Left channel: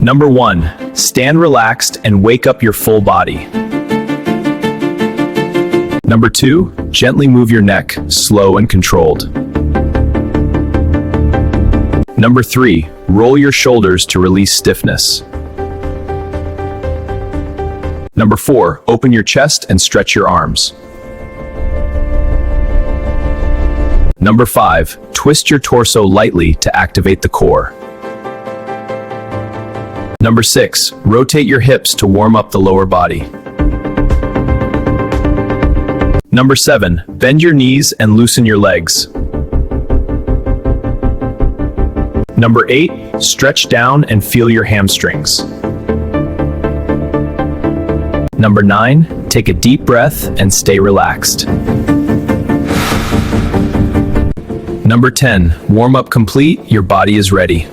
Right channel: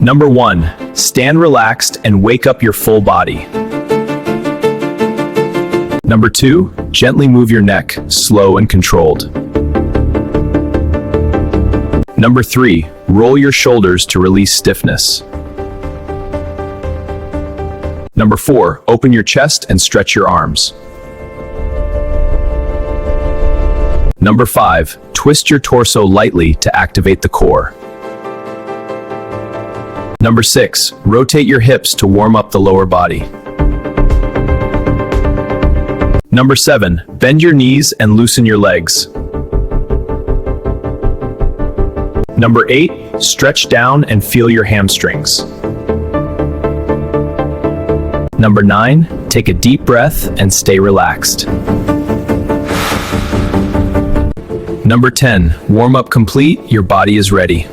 Number 1. Stand relaxed and wake up your full body. Number 2. Gently move your neck, slow and controlled. Number 3. Roll your shoulders to release stiffness. Number 4. Open your chest and stretch your arms. Number 5. Twist your torso lightly to activate the core. Number 6. Rotate your hips to warm up the lower body. Number 7. Bend your knees and loosen your legs. Number 8. Stretch down and feel your hamstrings. Number 9. Take a deep breath and stay relaxed. Number 10. Warm up complete, your body is ready.